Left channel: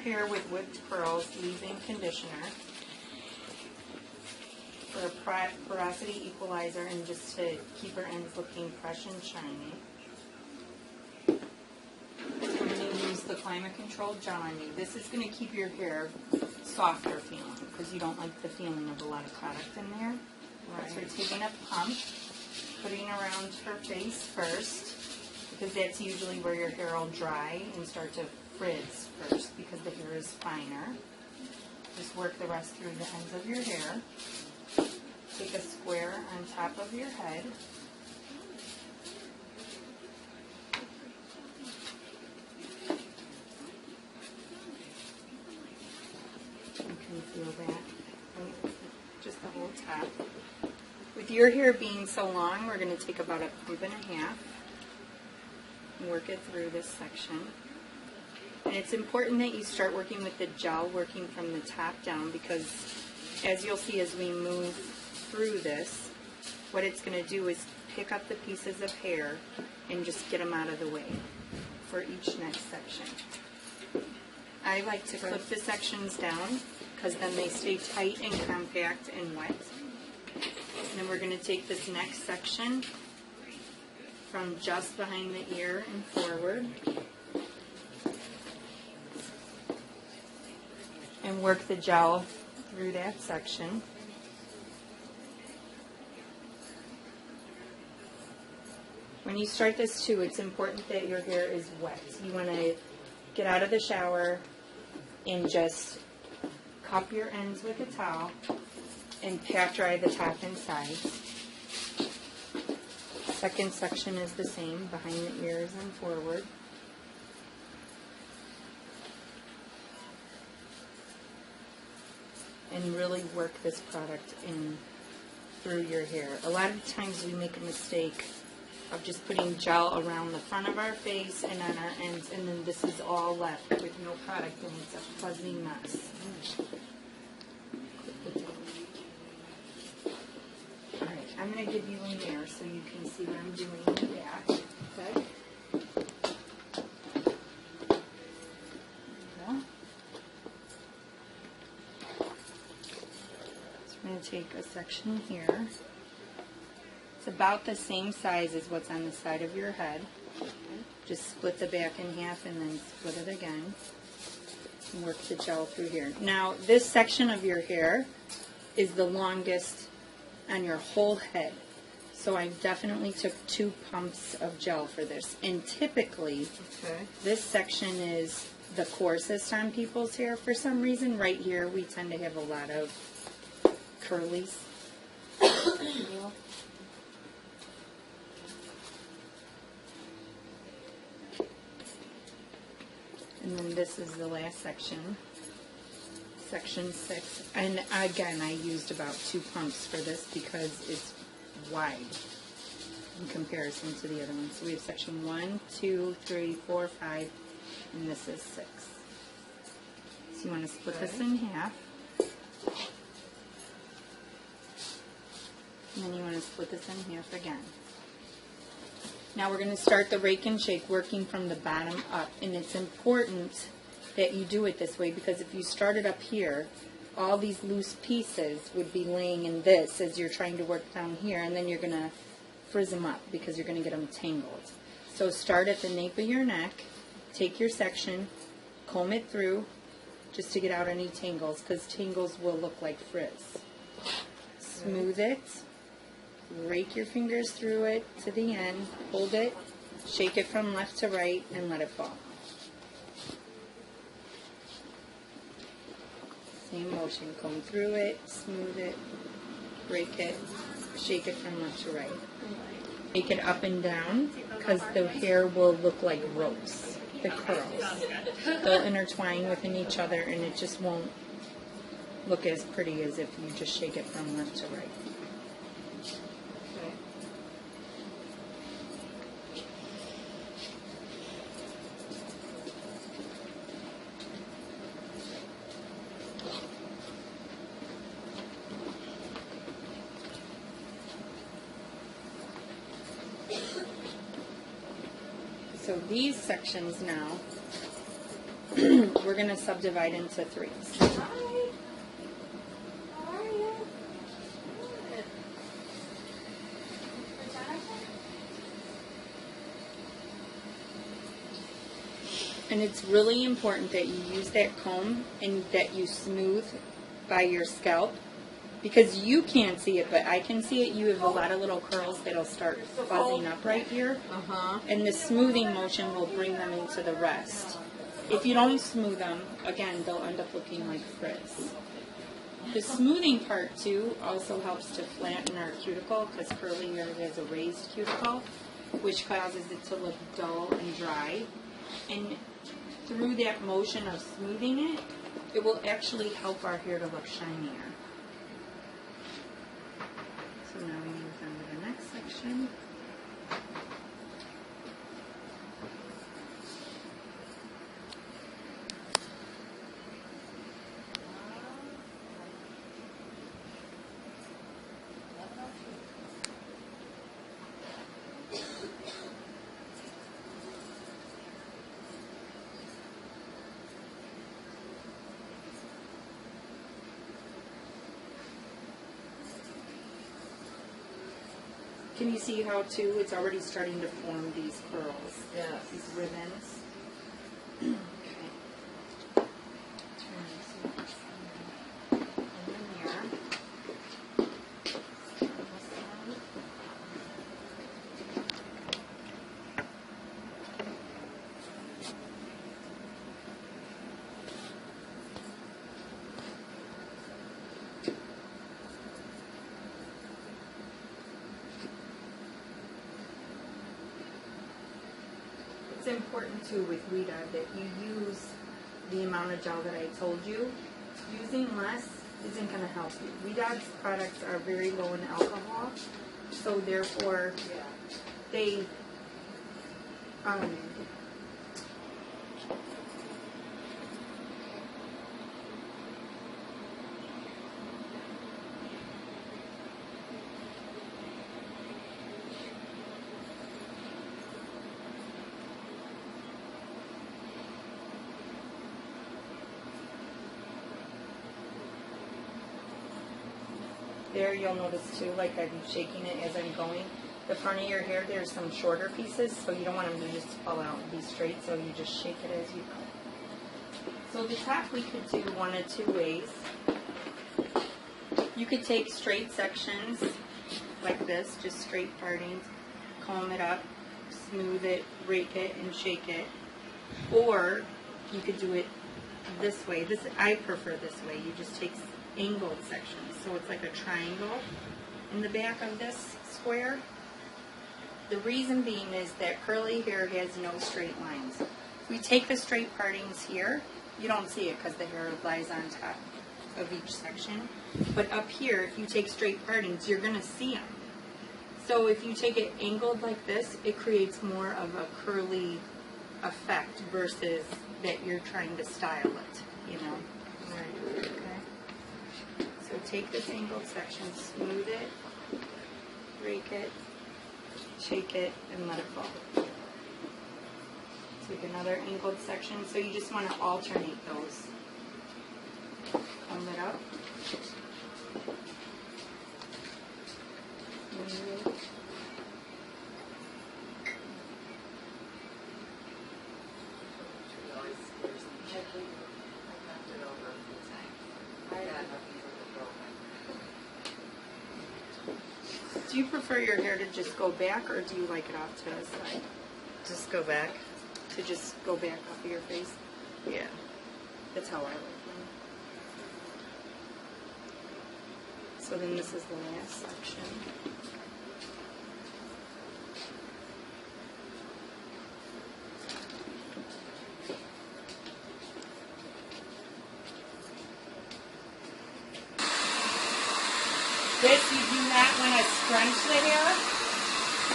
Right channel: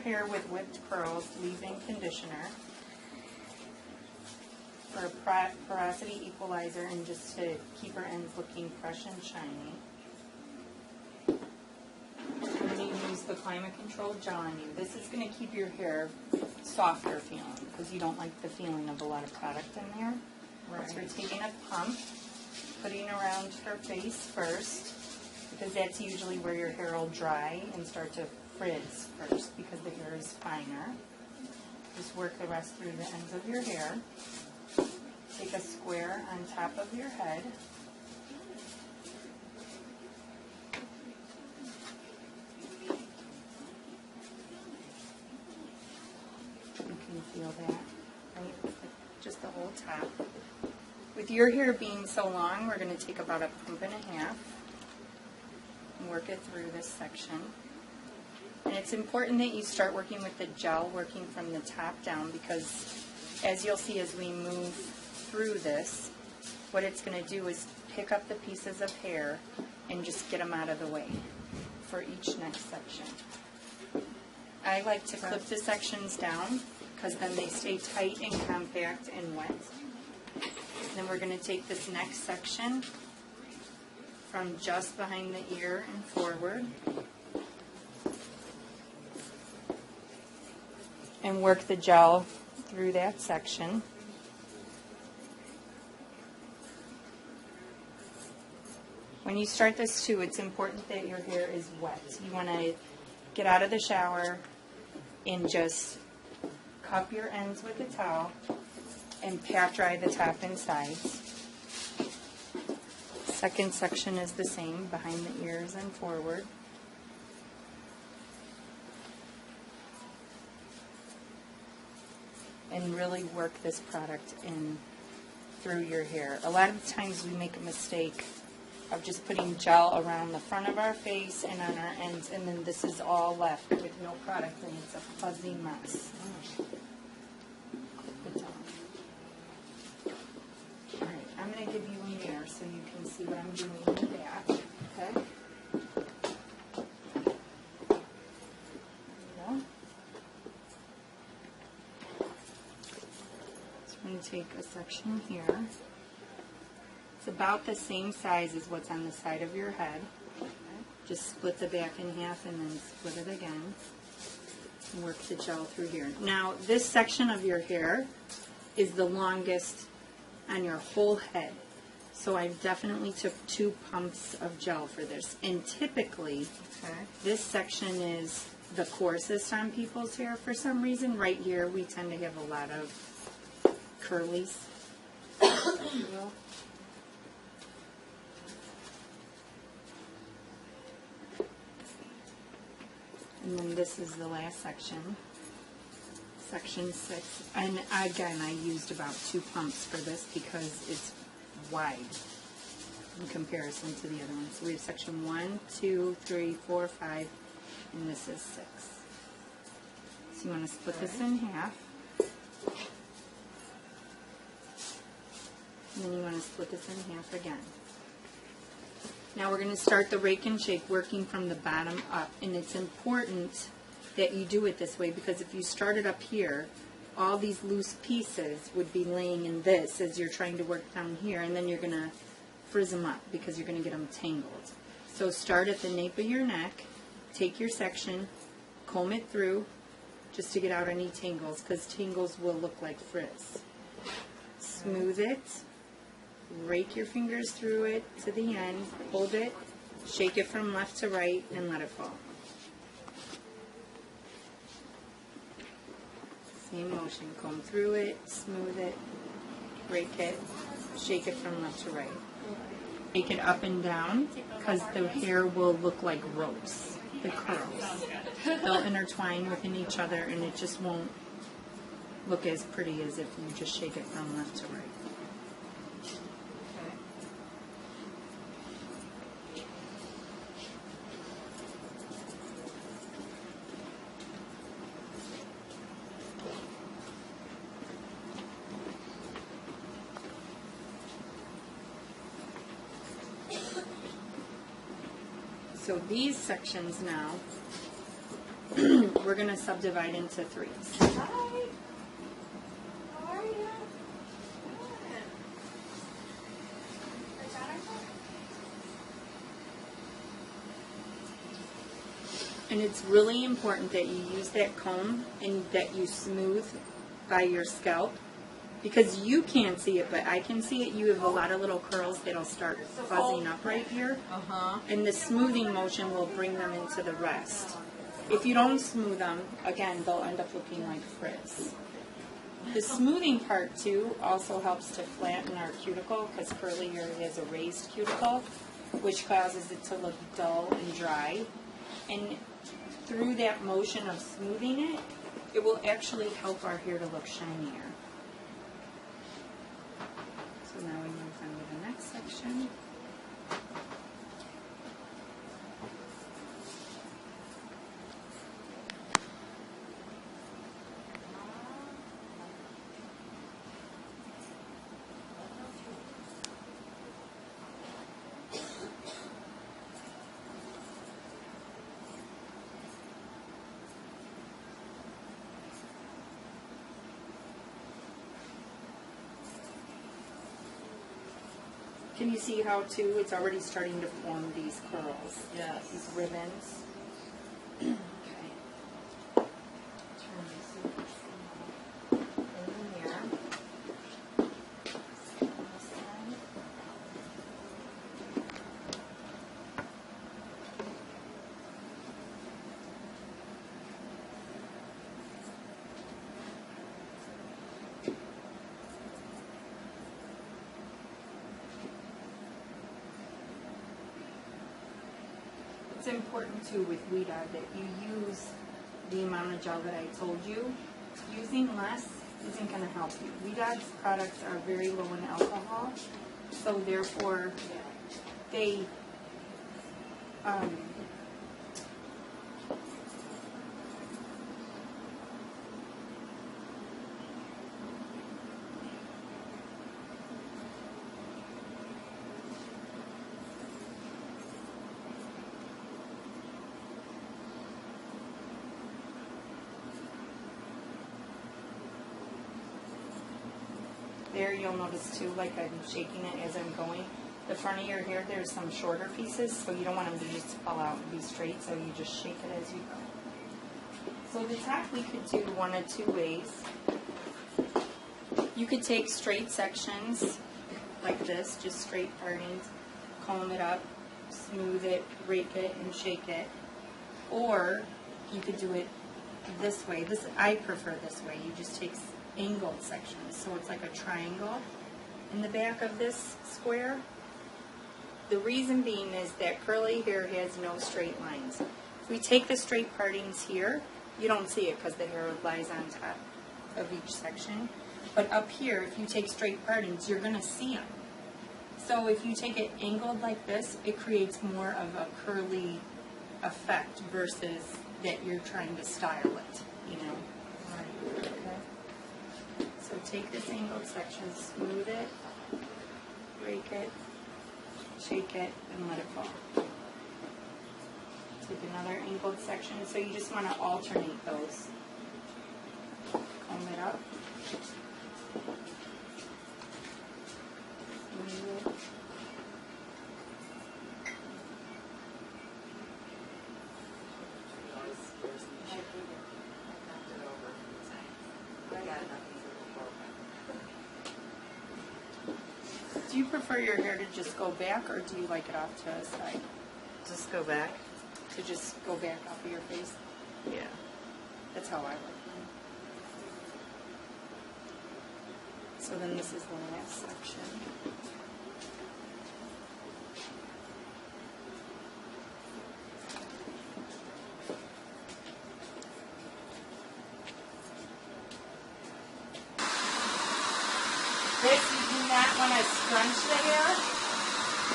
hair with whipped curls, leave-in conditioner for a porosity equalizer and just to keep her ends looking fresh and shiny. We're going to use the climate-controlled gel on you. This is going to keep your hair softer feeling because you don't like the feeling of a lot of product in there. Right. So we're taking a pump, putting around her face first, because that's usually where your hair will dry and start to frizz first because the hair is finer. Just work the rest through the ends of your hair. Take a square on top of your head. You can feel that. Just the whole top. With your hair being so long, we're going to take about a pump and a half and work it through this section. And it's important that you start working with the gel, working from the top down, because as you'll see as we move through this, what it's going to do is pick up the pieces of hair and just get them out of the way for each next section. I like to clip the sections down because then they stay tight and compact and wet. Then we're going to take this next section from just behind the ear and forward and work the gel through that section. When you start this too, it's important that your hair is wet. You want to get out of the shower and just cup your ends with a towel and pat dry the top and sides. Second section is the same, behind the ears and forward. And really work this product in through your hair. A lot of times we make a mistake of just putting gel around the front of our face and on our ends, and then this is all left with no product, and it's a fuzzy mess. Alright, I'm going to give you a mirror so you can see what I'm doing in the back. Okay? I'm going to take a section here. It's about the same size as what's on the side of your head. Just split the back in half and then split it again. And work the gel through here. Now, this section of your hair is the longest on your whole head. So I definitely took 2 pumps of gel for this. And typically, this section is the coarsest on people's hair. For some reason, right here, we tend to have a lot of curlies. And then this is the last section, section 6. And again, I used about 2 pumps for this because it's wide in comparison to the other ones. So we have section 1, 2, 3, 4, 5, and this is 6. So you want to split this in half. And then you want to split this in half again. Now we're going to start the rake and shake working from the bottom up. And it's important that you do it this way because if you start it up here, all these loose pieces would be laying in this as you're trying to work down here. And then you're going to frizz them up because you're going to get them tangled. So start at the nape of your neck. Take your section, comb it through just to get out any tangles because tangles will look like frizz. Smooth it. Rake your fingers through it to the end, hold it, shake it from left to right, and let it fall. Same motion, comb through it, smooth it, rake it, shake it from left to right. Make it up and down because the hair will look like ropes, the curls. They'll intertwine within each other and it just won't look as pretty as if you just shake it from left to right. So these sections now, we're going to subdivide into 3s. Hi. How are you? Good. Is that okay? And it's really important that you use that comb and that you smooth by your scalp, because you can't see it, but I can see it. You have a lot of little curls that'll start fuzzing up right here. And the smoothing motion will bring them into the rest. If you don't smooth them, again, they'll end up looking like frizz. The smoothing part, too, also helps to flatten our cuticle, because curly hair has a raised cuticle, which causes it to look dull and dry. And through that motion of smoothing it, it will actually help our hair to look shinier. So now we move on to the next section. Can you see how, too, it's already starting to form these curls? Yes. These ribbons. Okay. Turn this in the mirror. It's important too with Ouidad that you use the amount of gel that I told you. Using less isn't going to help you. Ouidad's products are very low in alcohol, so therefore they there, you'll notice too, like I'm shaking it as I'm going. The front of your hair, there's some shorter pieces, so you don't want them to just fall out and be straight, so you just shake it as you go. So the top we could do one of 2 ways. You could take straight sections like this, just straight partings, comb it up, smooth it, rake it, and shake it. Or you could do it this way. I prefer this way. You just take angled sections, so it's like a triangle in the back of this square. The reason being is that curly hair has no straight lines. If we take the straight partings here, you don't see it because the hair lies on top of each section. But up here, if you take straight partings, you're going to see them. So if you take it angled like this, it creates more of a curly effect versus that you're trying to style it, you know. All right, okay. So take this angled section, smooth it, rake it, shake it, and let it fall. Take another angled section. So you just want to alternate those. Comb it up. Smooth it. Do you prefer your hair to just go back, or do you like it off to the side? Just go back. To just go back off of your face? Yeah. That's how I like mine. So then this is the last section. This, you do not want to scrunch the hair.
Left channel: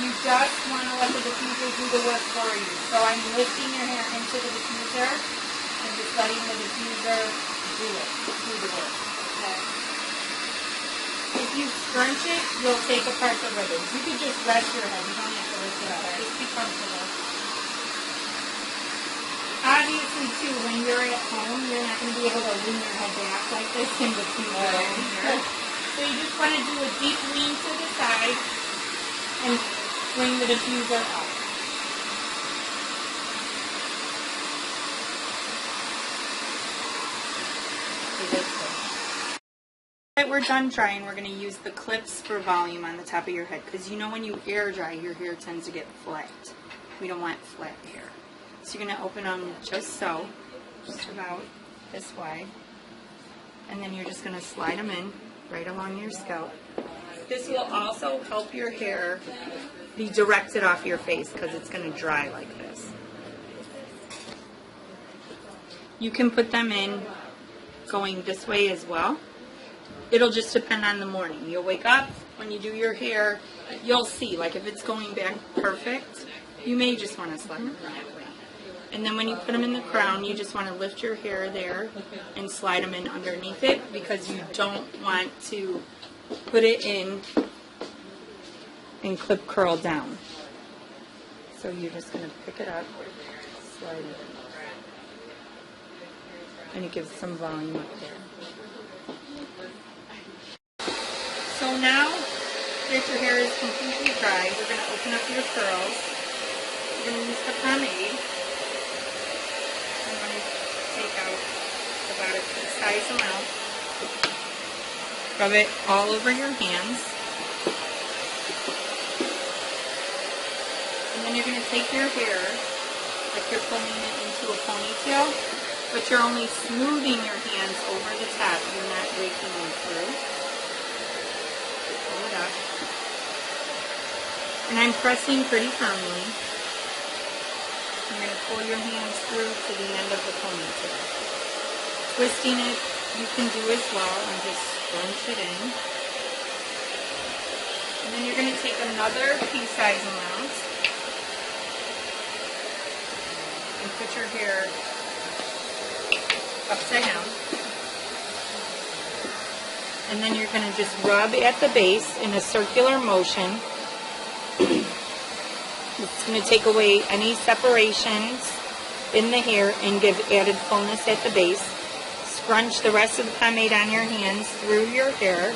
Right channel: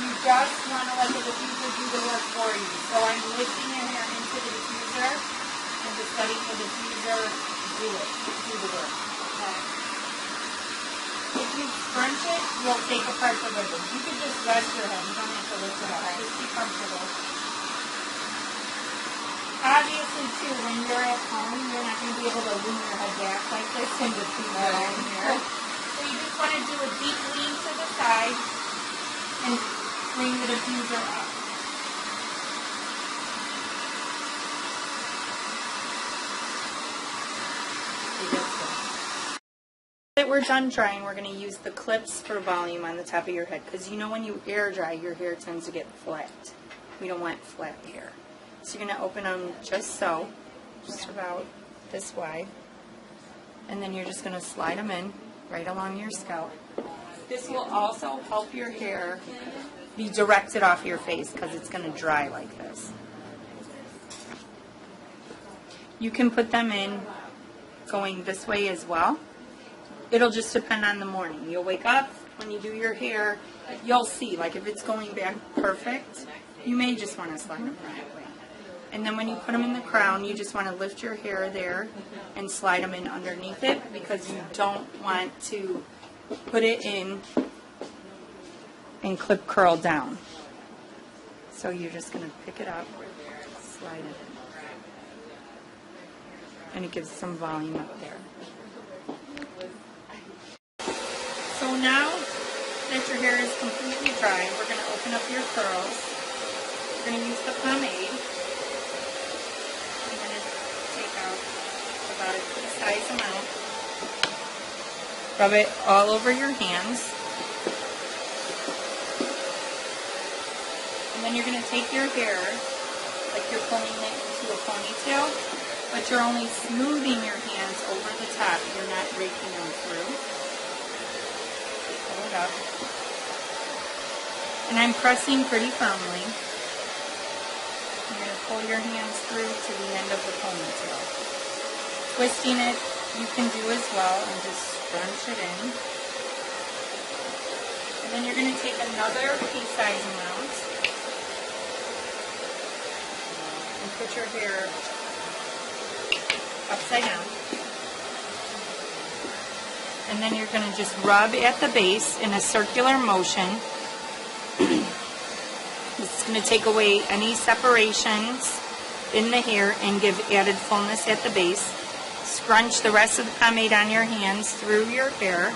You just want to let the diffuser do the work for you. So I'm lifting your hair into the diffuser and just letting the diffuser do the work. Okay. If you scrunch it, you'll take apart the ribbons. You can just rest your head. You don't have to lift it up. Just be comfortable. Obviously, too, when you're at home, able to lean your head back like this in between the line here. So you just want to do a deep lean to the side and bring the diffuser up. That we're done drying, we're going to use the clips for volume on the top of your head, because you know when you air dry, your hair tends to get flat. We don't want flat hair. So you're going to open them just so, just about this wide, and then you're just going to slide them in right along your scalp. This will also help your hair be directed off your face because it's going to dry like this. You can put them in going this way as well. It'll just depend on the morning. You'll wake up, when you do your hair, you'll see, like if it's going back perfect, you may just want to slide them that way. And then when you put them in the crown, you just want to lift your hair there and slide them in underneath it, because you don't want to put it in and clip curl down. So you're just going to pick it up, slide it in. And it gives some volume up there. So now that your hair is completely dry, we're going to open up your curls. We're going to use the pomade. I'm going to take out about a size amount. Rub it all over your hands. And then you're going to take your hair, if you're pulling it into a ponytail, but you're only smoothing your hands over the top. You're not raking them through. Up. And I'm pressing pretty firmly. I'm going to pull your hands through to the end of the ponytail. Twisting it, you can do as well, and just scrunch it in. And then you're going to take another pea-size amount and put your hair upside down. And then you're going to just rub at the base in a circular motion. It's going to take away any separations in the hair and give added fullness at the base. Scrunch the rest of the pomade on your hands through your hair.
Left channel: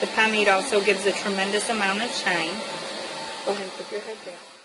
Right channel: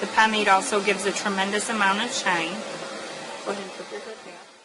The pomade also gives a tremendous amount of shine. Go ahead and put your hair back.